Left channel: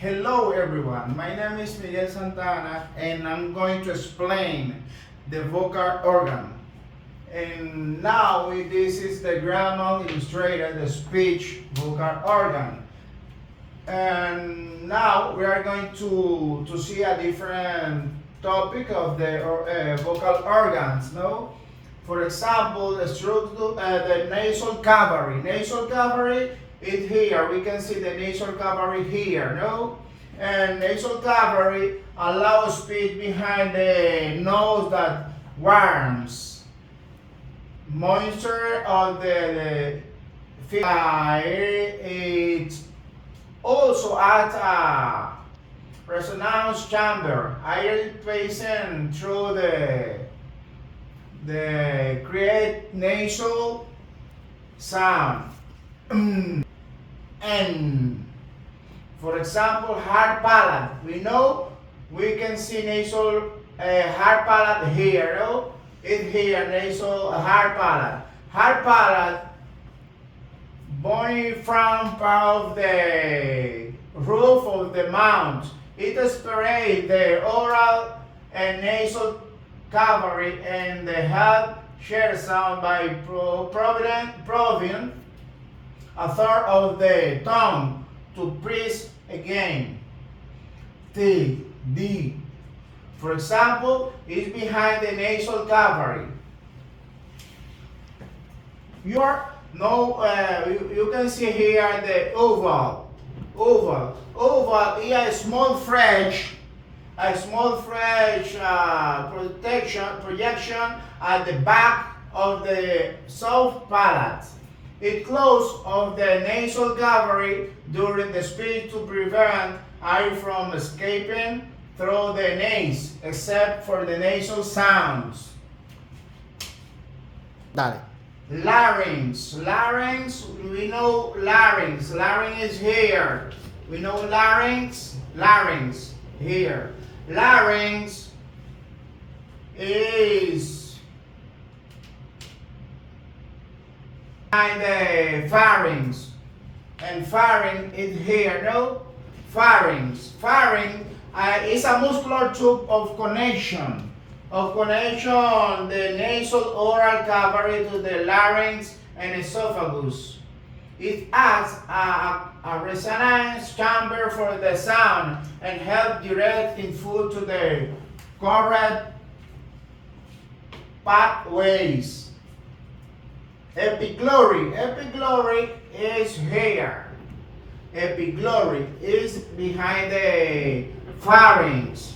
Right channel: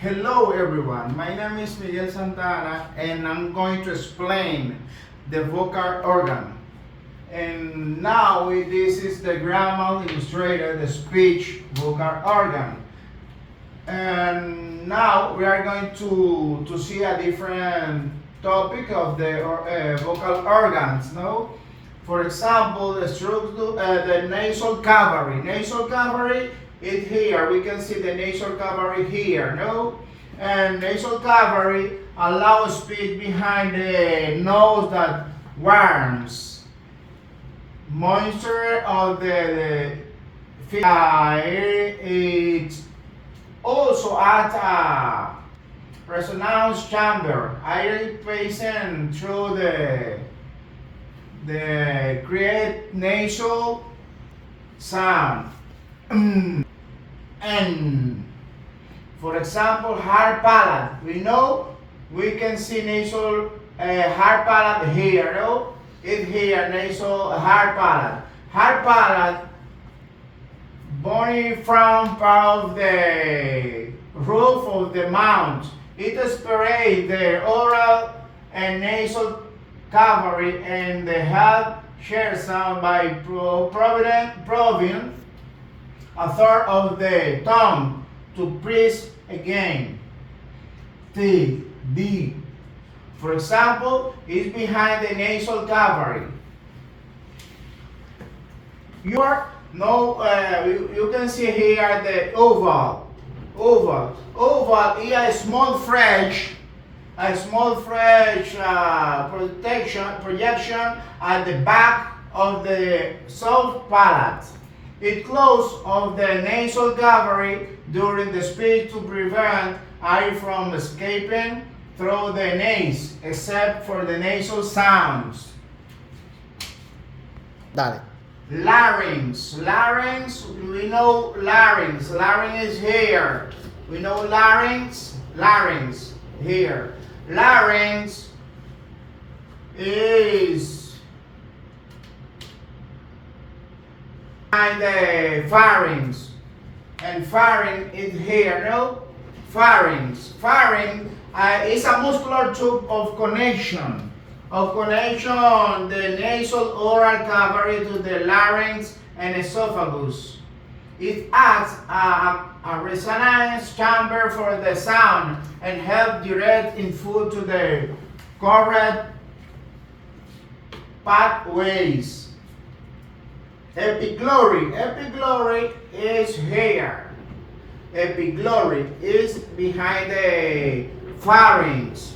Hello everyone, my name is Miguel Santana and I'm going to explain the vocal organ. And now this is the grammar illustrator, the speech vocal organ. And now we are going to see a different topic of the vocal organs. No, for example, the structure, the nasal cavity. Nasal cavity is here. We can see the nasal cavity here. No, and nasal cavity allows speech behind the nose that warms moisture of the it also at a resonance chamber, air passing through the create nasal sound. And for example, hard palate. We know we can see nasal hard palate here. No, it here nasal hard palate. Hard palate bony from part of the roof of the mouth. It separates the oral and nasal cavity and the head share sound by proving a third of the tongue to press again. T, D. For example, is behind the nasal cavity. You can see here the oval. Oval is a small fridge, projection at the back of the soft palate. It closes of the nasal cavity during the speech to prevent air from escaping through the nose, except for the nasal sounds. Dale. Larynx. We know larynx. Larynx is here. We know larynx. Larynx here. Larynx is behind the pharynx. And pharynx is here. No? Pharynx. Pharynx is a muscular tube of connection. The nasal oral cavity to the larynx and esophagus. It acts a resonance chamber for the sound and help direct input to the correct pathways. Epiglory is here. Epiglory is behind the pharynx.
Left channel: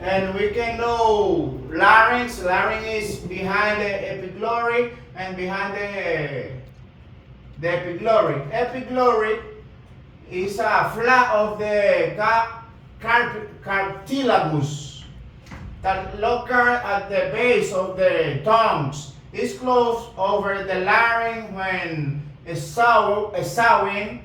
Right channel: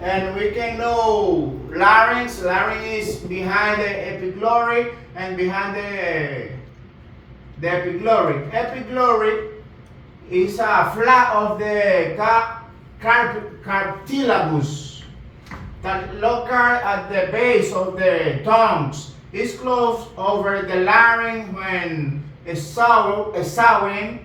And we can know larynx. Larynx is behind the epiglory and behind the epiglory. Epiglory is a flap of the cartilagus that located at the base of the tongues. It's closed over the larynx when exhaling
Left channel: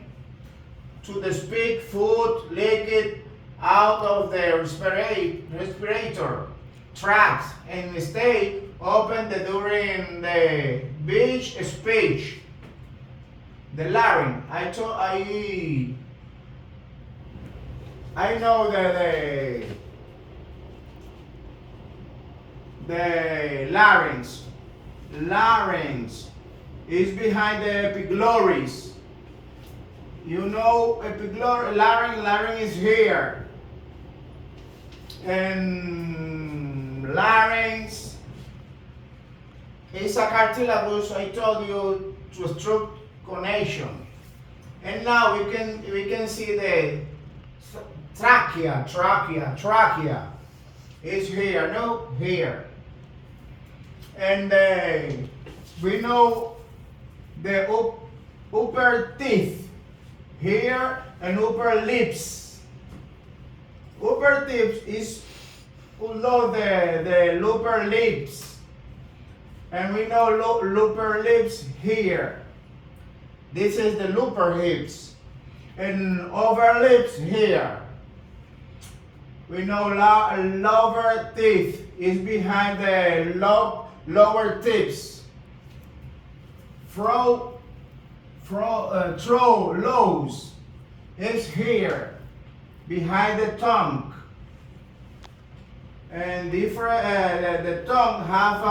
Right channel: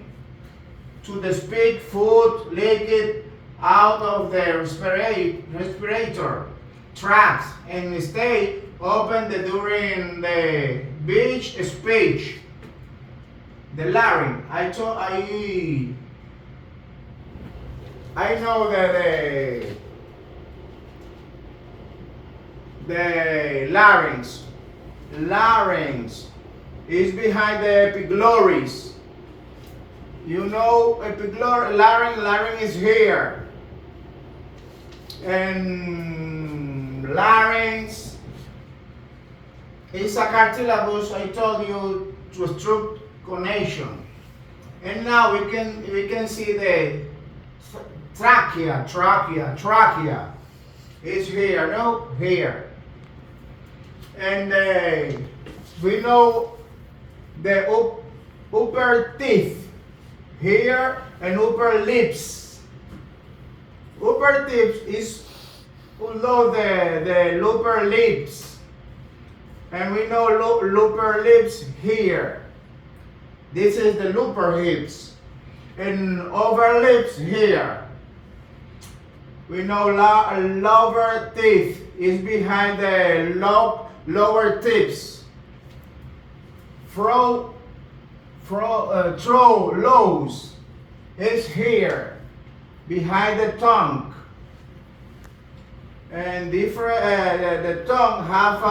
to the speak food liquid out of the respirator tract and stay open during the beach speech. The larynx. I know that the larynx. Larynx is behind the epigloris. You know, larynx is here. And larynx is a cartilagus, I told you, to obstruct connection. And now we can see the trachea. Is here, no? Here. And we know the upper teeth here and upper lips. Upper teeth is below the upper lips. And we know upper lips here. This is the upper lips. And over lips here. We know lower teeth is behind the lower tips. Throw lows is here. behind the tongue. And different, the tongue have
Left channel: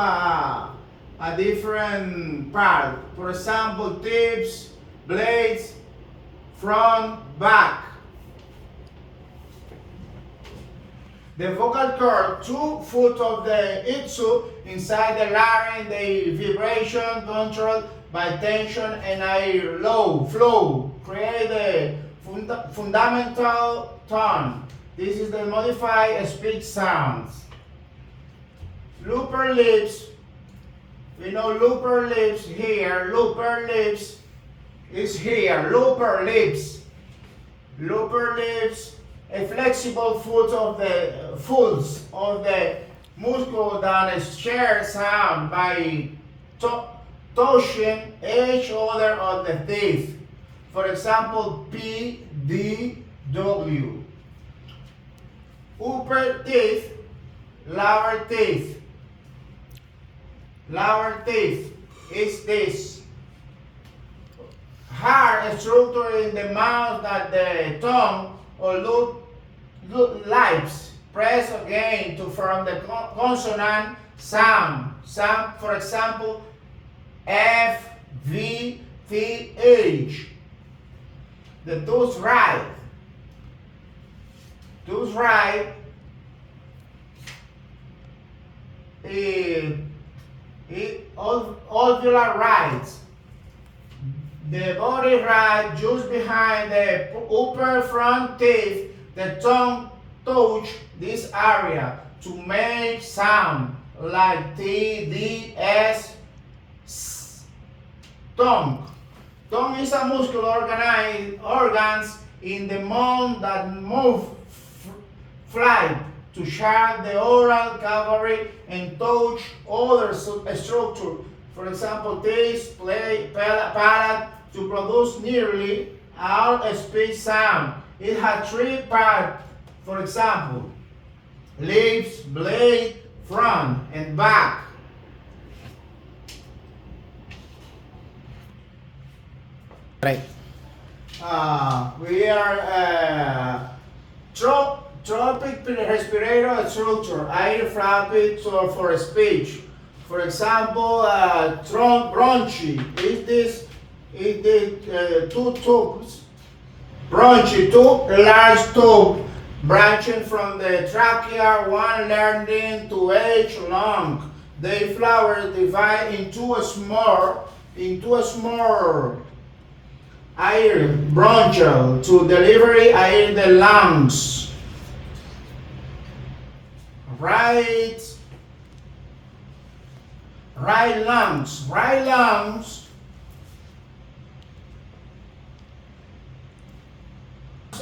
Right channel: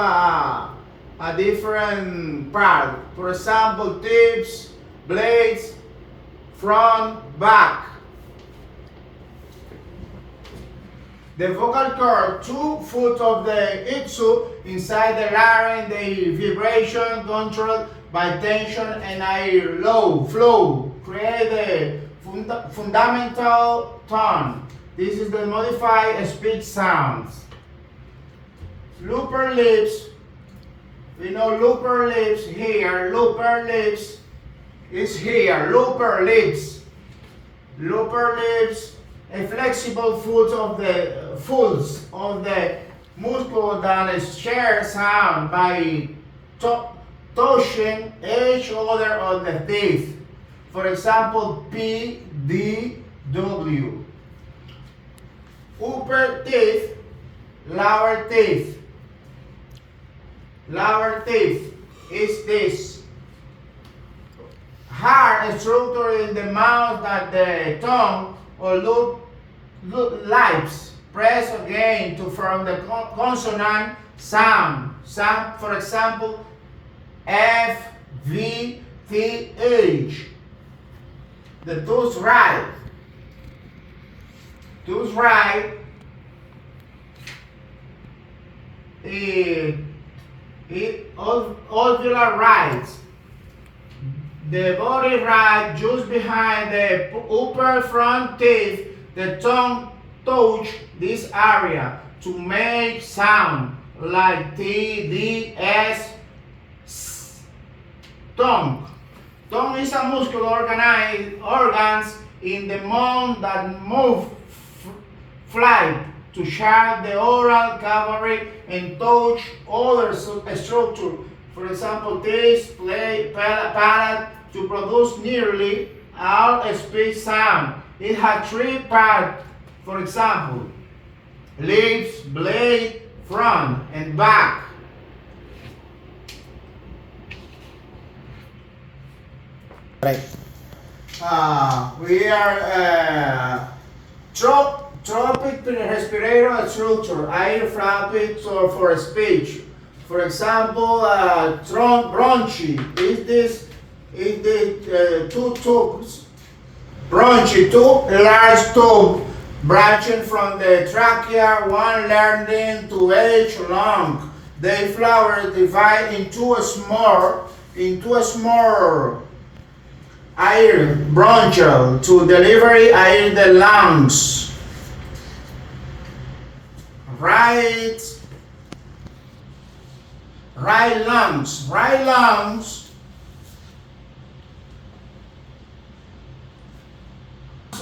a different part. For example, tips, blades, front, back. The vocal cord, 2 foot of the itsu inside the larynx, the vibration controlled by tension and air flow, create the fundamental tone. This is the modified speech sounds. Looper lips, we know looper lips here, looper lips is here, looper lips, a flexible foot of the folds of the muscle that is shared sound by touching each other of the teeth. For example, P, D, W. Upper teeth, lower teeth. Lower teeth is this. Hard structure in the mouth that the tongue or lips press again to form the consonant sound. For example, F, V, T, H. The tooth right. Tooth right. Alveolar right. The body right just behind the upper front teeth. The tongue touch this area to make sound like T, D, S. Tongue. Tongue is a muscular organs in the mouth that move flight to share the oral cavity and touch other structure. For example, teeth, palate to produce nearly all speech sound. It has 3 parts. For example, lips, blade, front, and back. Right. We are tropic respirator structure, air flapping for speech. For example, bronchi is the 2 tubes. Bronchi, 2 large tubes branching from the trachea, one leading to each lung. They flower divide into a small air bronchial to deliver air in the lungs. Right lungs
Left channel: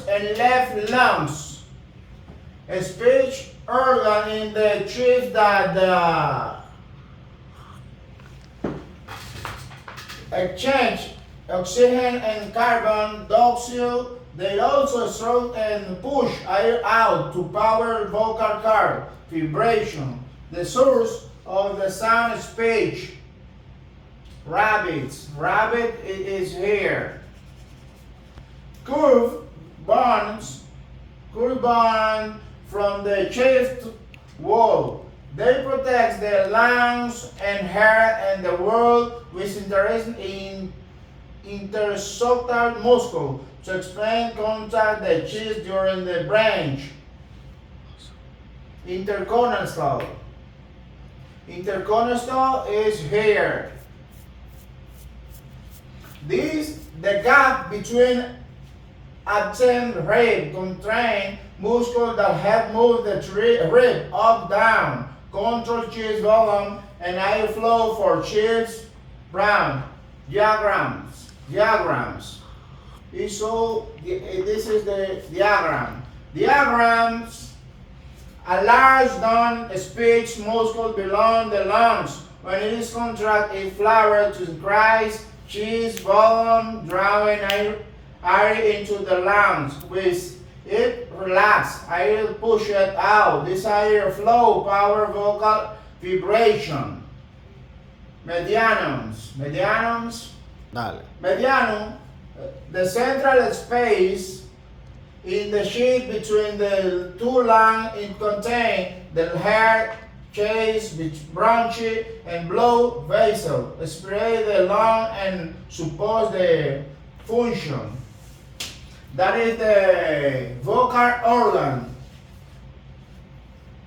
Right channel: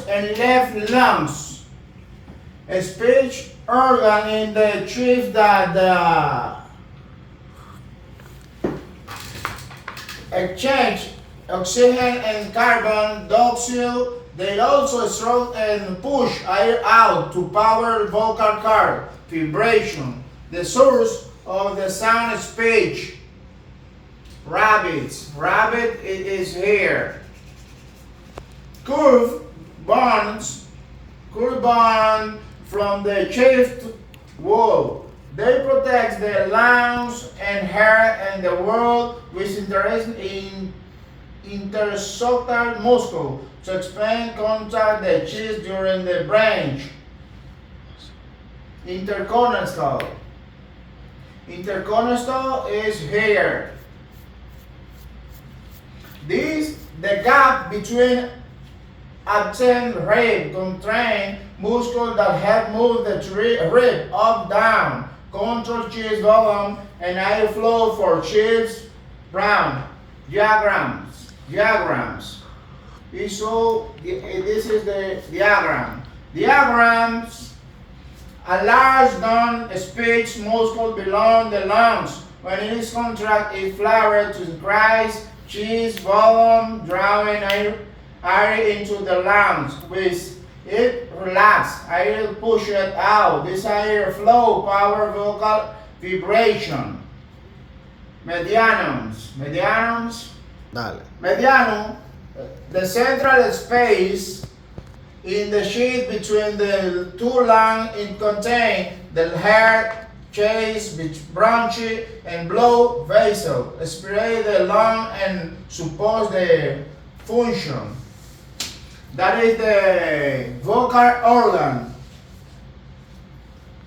and left lungs. A speech organ in the chest that exchange oxygen and carbon dioxide. They also stroke and push air out to power vocal cord vibration, the source of the sound speech. Rabbit is here. Curve bone from the chest wall. They protect the lungs and hair and the wall with interest in intersoctal muscle to expand contact the chest during the branch. Intercostal is here. This the gap between absent rib contract muscle that help move the rib up down, control chest volume and air flow for chest brown. Diagrams. So this is the diagram. Diagrams. A large non-speech muscle below the lungs. When it is contracted, it flowers to increase chest volume, drawing air into the lungs. With it relax, air push it out. This air flow power vocal vibration. Medianums. Dale. Medianum, the central space In the sheath between the two lungs, it contains the heart, chest, bronchi, and blood vessel. Spray the lung and support the function. That is the vocal organ.